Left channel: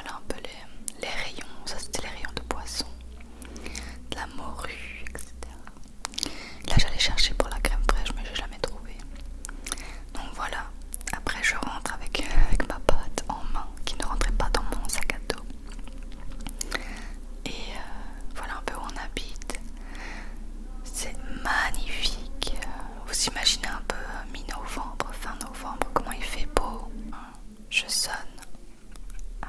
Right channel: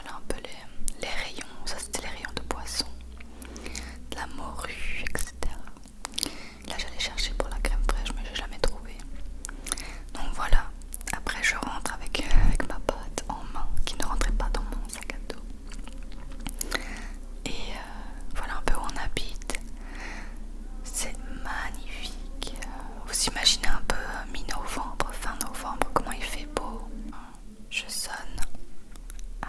voilà un peu les rayons. Ça c'était les rayons de poisson, de la morue, etc. Là j'allais chercher pour la crème fraîche mais j'ai jamais trouvé. Donc voilà, après je rentre avec ma pâte en main qui ne rentrait pas dans mon sac à dos. Et voilà un peu où on habite. C'est magnifique. Vous imaginez un peu mi-novembre, fin novembre, comment il fait beau. Je sonne à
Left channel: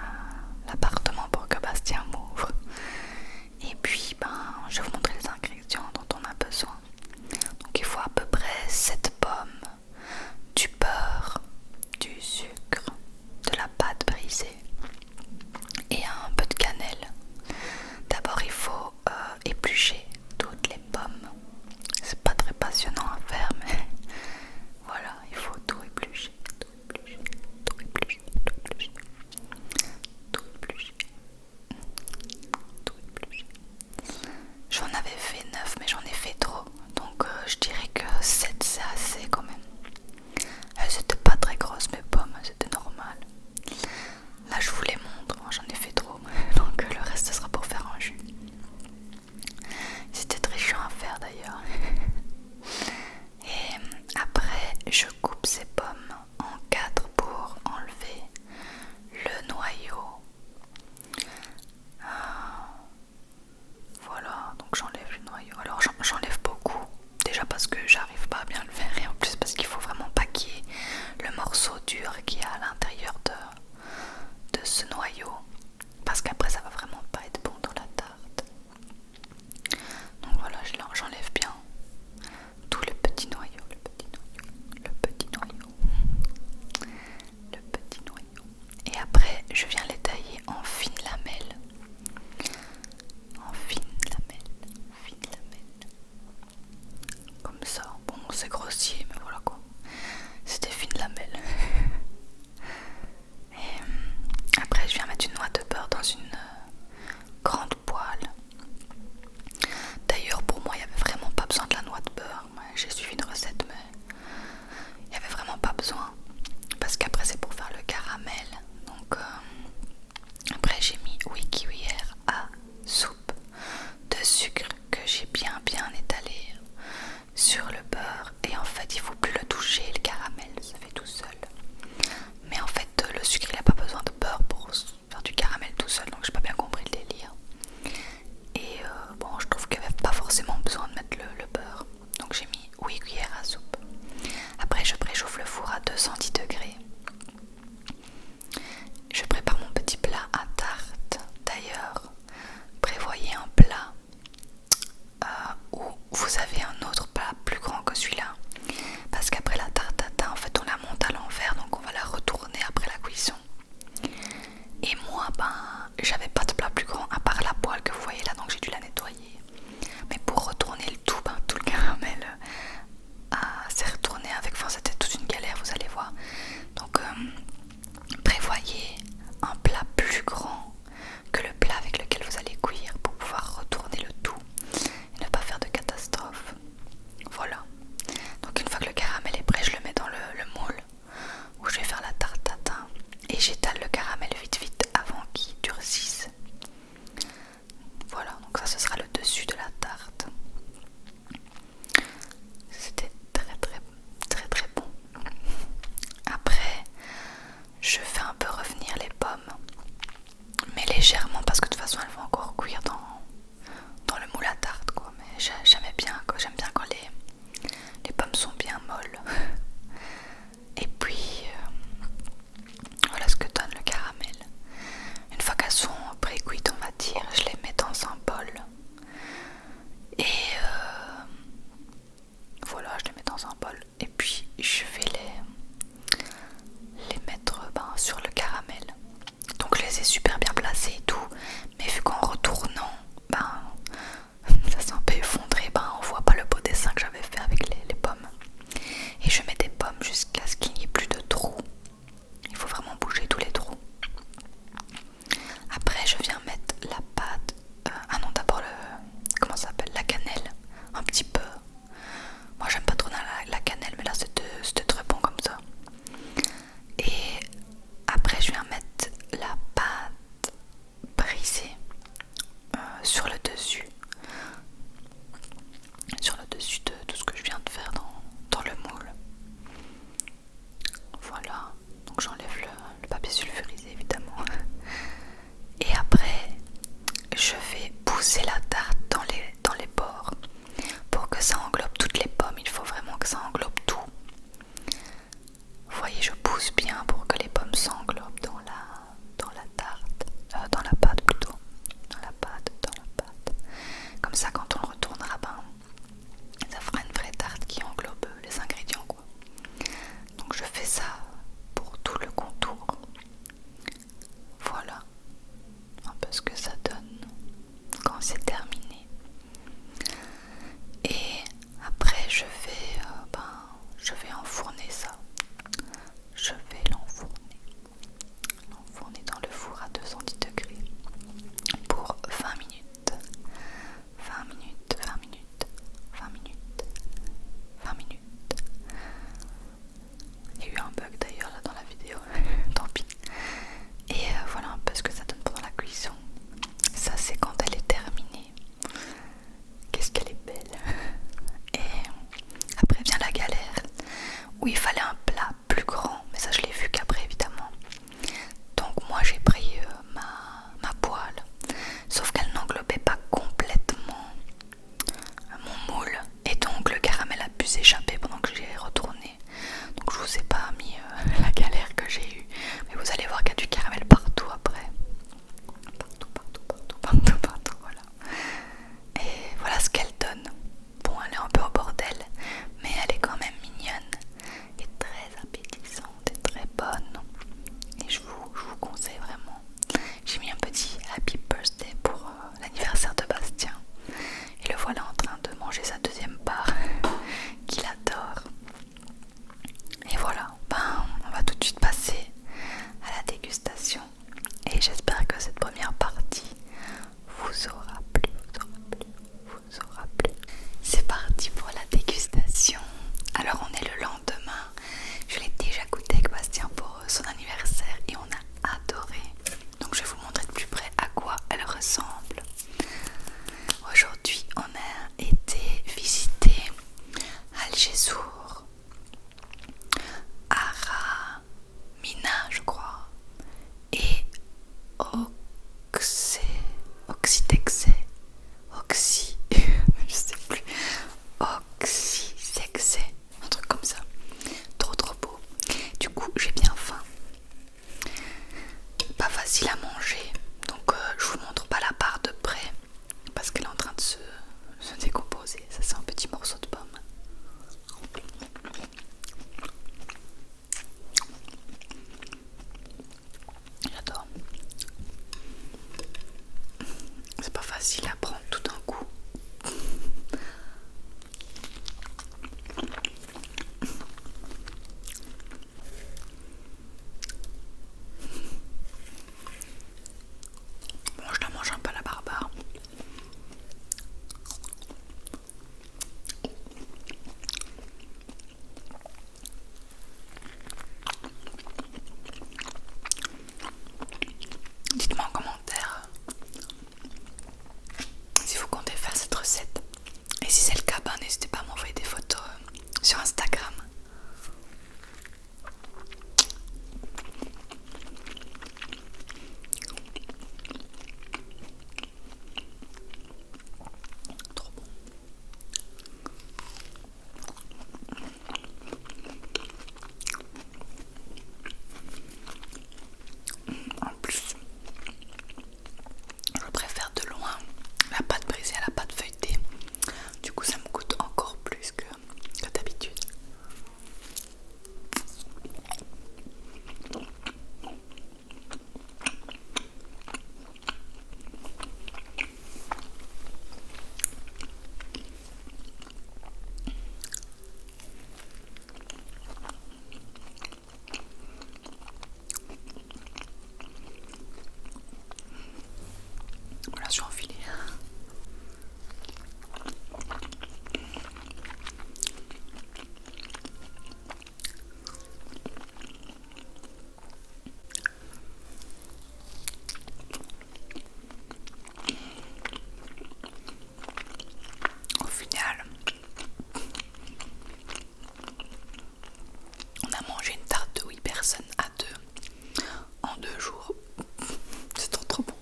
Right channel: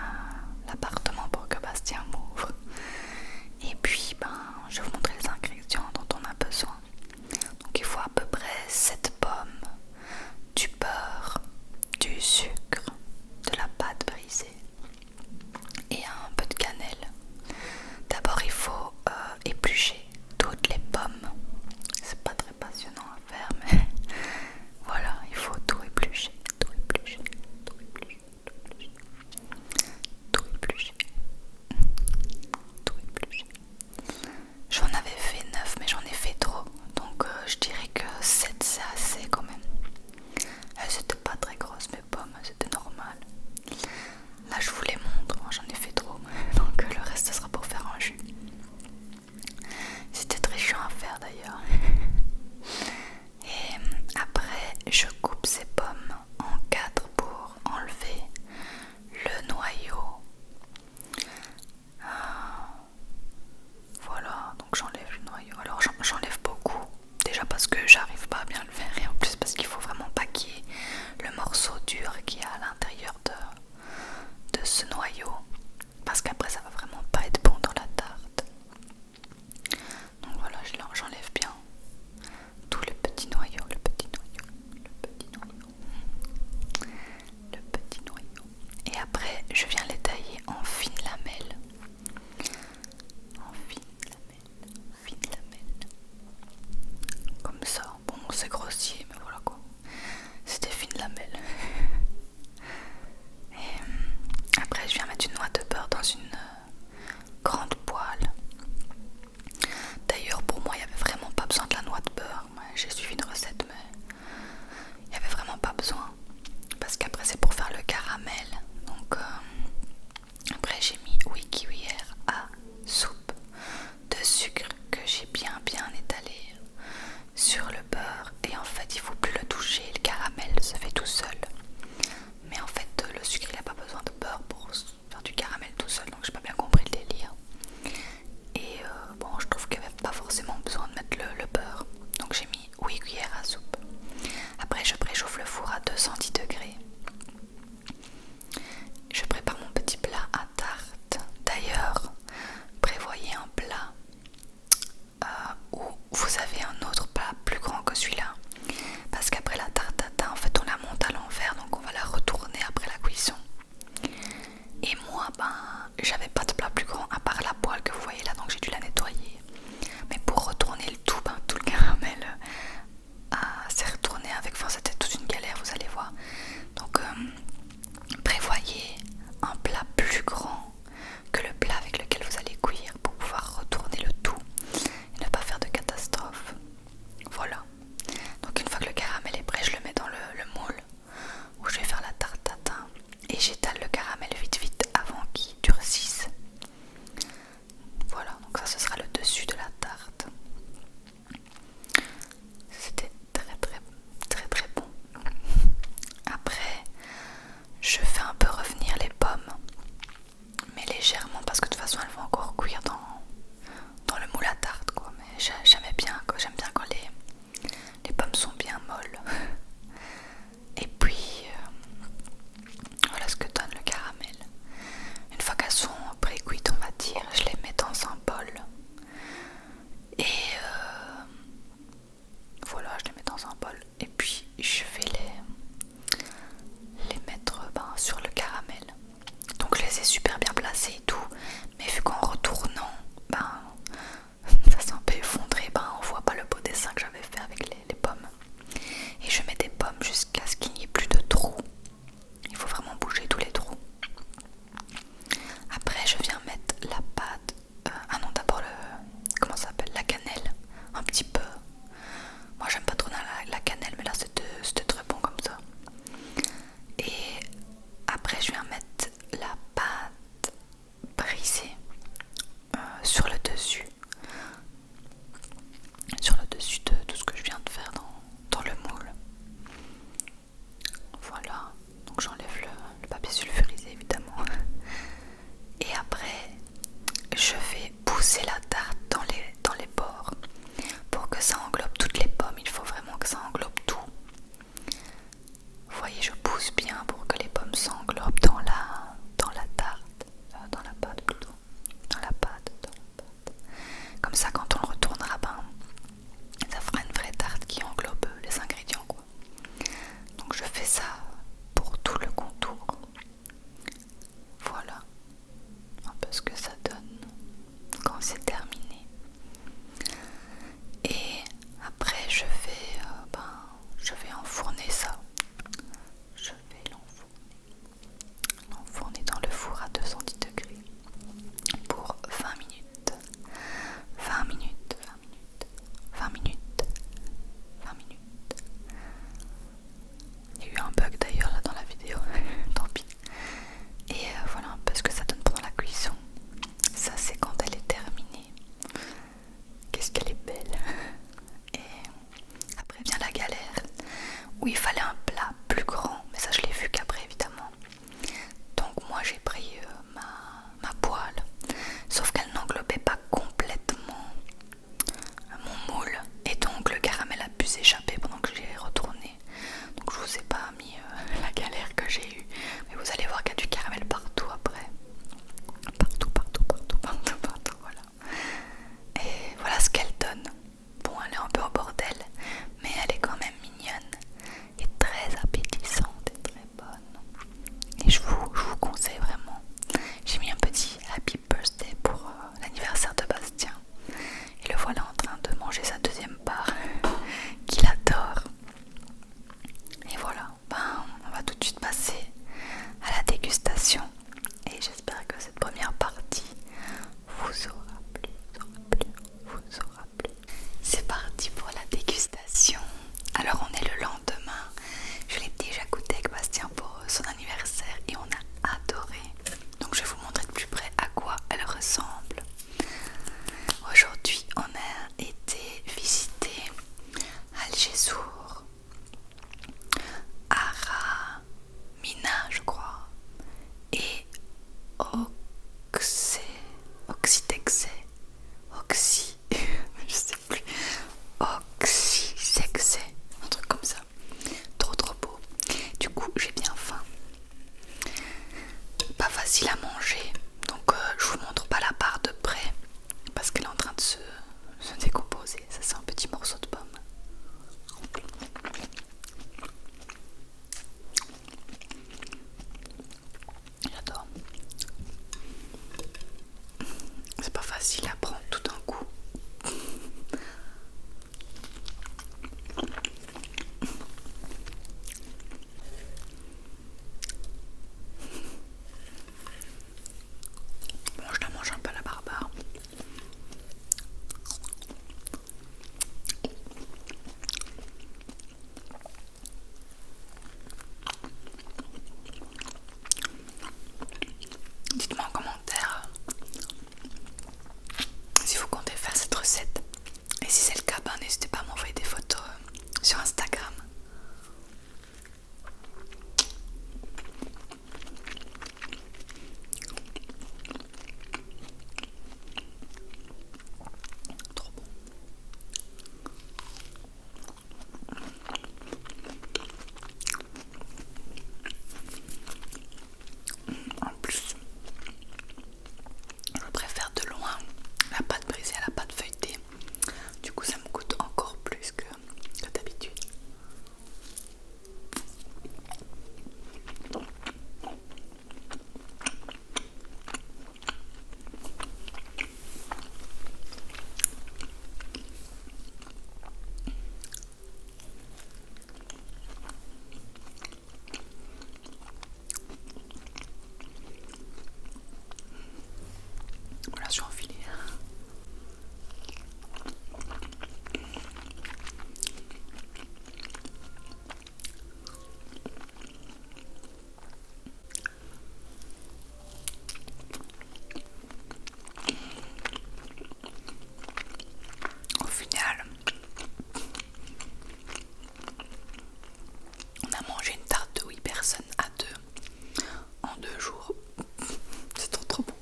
l'appartement pour que Bastien m'ouvre. Et puis je vais vous montrer les ingrédients dont on a besoin. Donc il faut à peu près 7 pommes, du beurre, du sucre, de la pâte brisée et un peu de cannelle. D'abord il faut éplucher toutes les pommes. C'est pas très passionnant à faire mais voilà, il faut tout éplucher, tout éplucher, tout éplucher, tout éplucher, tout éplucher, tout éplucher. J'en avais fait 9 mais j'en ai fait trop, donc je dirais que 7 c'est assez quand même. Elles étaient pas très grosses mes pommes, c'était normal. Là je vous les montre, moi j'en ai fait trop, donc le reste ce sera pour faire un jus. C'était très chiant à faire d'ailleurs. Et après je coupe ces pommes en 4 pour enlever le noyau. Voilà, donc j'enlève le noyau. Alors j'enlève beaucoup, déjà parce que j'arrive pas à bien le faire et en plus parce qu'il faut vraiment pas qu'il y ait le morceau dur qui est à l'intérieur de ce noyau, parce qu'après ça va vraiment pas être bon dans la tarte. Donc voilà, j'enlève bien tout le petit noyau, le petit noyau, le petit noyau, le petit noyau. Et après je viens les tailler en fines lamelles. En fines lamelles. Comme ça. Bon, c'est grossier, mais voilà quoi. C'est des fines lamelles. Et après, je viens mettre une noix de beurre dans une grande poêle. D'ailleurs, pour moi, il n'y avait vraiment pas besoin de la noix de beurre. J'ai suivi une recette, mais il n'y avait vraiment pas besoin. Parce qu'après, c'est pour faire le caramel. Donc, après, j'ai mis 8 cuillères à soupe de sucre que j'ai bien étalé sur le beurre. Et en fait, il faut plus le toucher, le caramel se fait tout seul. Mais en fait, le sucre, il n'a pas besoin de beurre pour faire du caramel tout seul. Donc, j'ai pas bien compris le délire. Et bon, je trouve qu'il n'y avait pas forcément besoin de mettre le beurre. Donc, j'ai mis 8 cuillères à soupe. Après, je préchauffe le four à 210 degrés. Je prépare mon petit plat à tarte. D'ailleurs, prévoyez un plat où vous avez un autre plat plus grand que celui-là. Parce qu'après la tarte tatin, en fait, on la monte à l'envers, donc on va la retourner après la cuisson. Et moi, j'avais pas de plat plus grand à part la poêle que vous voyez là, donc j'ai dû la nettoyer. Mais pour retourner le tout, tout le caramel s'est retourné avec, c'était toute une galère, vous allez voir. Donc prévoyez un plat plus grand que le plat avec lequel vous allez cuire pour pouvoir retourner le tout et ne pas faire de catastrophe. Voilà. Donc une fois que le caramel est prêt, je le mets dans le moule où je vais faire la tarte tatin et j'étale le caramel vite avant qu'il durcisse. Voilà, donc ça ce sera le dessus de la tarte. C'était très bon. Après, je fais un peu revenir les pommes, mais légèrement parce que de toute façon elles vont encore cuire dans le moule à tarte quoi. Mais j'aime bien quand les pommes sont bien molles. Et puis voilà ce que donne le caramel. Une fois qu'elles sont pré-cuites, on va dire, je les mets dans un bol. Et voilà, je les mets dans un bol. Et puis je vais les mettre sur le caramel. Donc je les ai super bien placés et tout. Mais vu qu'en retournant, ça s'est un peu effondré, on voit pas le beau dessin que j'avais fait avec les pommes. Et je mets des pommes jusqu'à ce qu'il n'y ait plus de trous. Il faut vraiment bouger tous les trous. Après je viens mettre la pâte. Non, d'abord comment ça s'appelle, la cannelle. Un petit peu. Moi j'aime pas trop la cannelle, mais là c'était très bon comme ça. Et après je viens mettre la pâte Oxitexé, je sais plus, Oxysexé, un truc comme ça, trop beau. Du coup j'ai bien faim, pas facile à manger, donc je vous montre pas la part de près parce qu'elle est en train de se décomposer. Ça c'est un petit morceau de pomme. J'adore. C'est pas facile à prendre tout d'un coup. Bon, je la mange un peu à la barbare. Dites-moi en commentaire si vous comptez faire cette recette. Et si c'est le cas, n'hésitez pas à m'envoyer des photos sur Instagram. Trop bon. En plus, je préfère de loin la pâte brisée à la pâte feuilletée. Du coup, ça me coûte encore plus que d'habitude. Voilà, je suis enfilée. Au final, on a mangé une tarte de 8 personnes à 2 en 2 jours. C'est trop bon.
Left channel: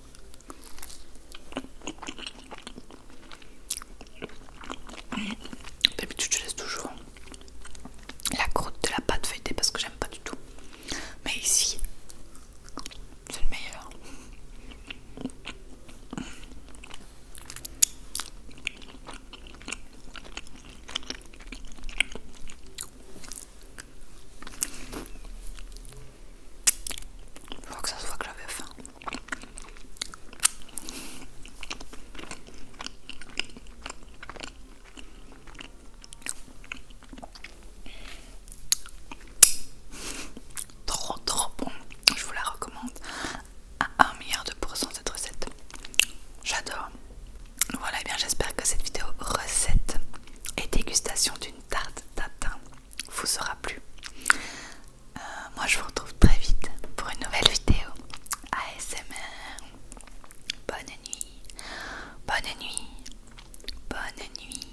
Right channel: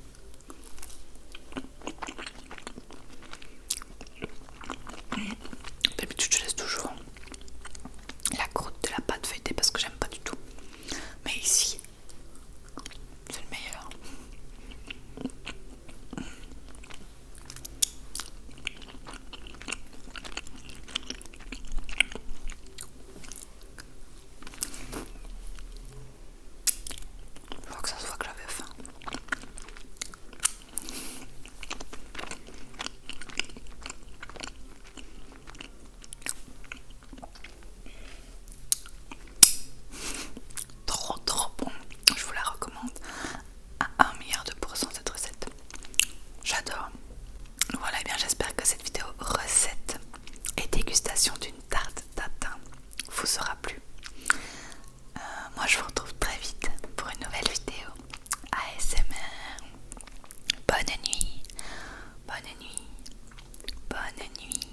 D'habitude, je laisse toujours la croûte de la pâte feuilletée parce que j'aime pas du tout. Mais ici, c'est le meilleur. Je vois que ça se voit que j'avais faim. Trop bon. Je vous la recommande à 1,2 milliard cette recette. J'adore. Voilà, et bien j'espère que cette vidéo recette et dégustation d'une tarte tatin vous sera plu. Moi je vous retrouve très vite pour une nouvelle vidéo ASMR. Bonne nuit, bonne nuit, bonne nuit.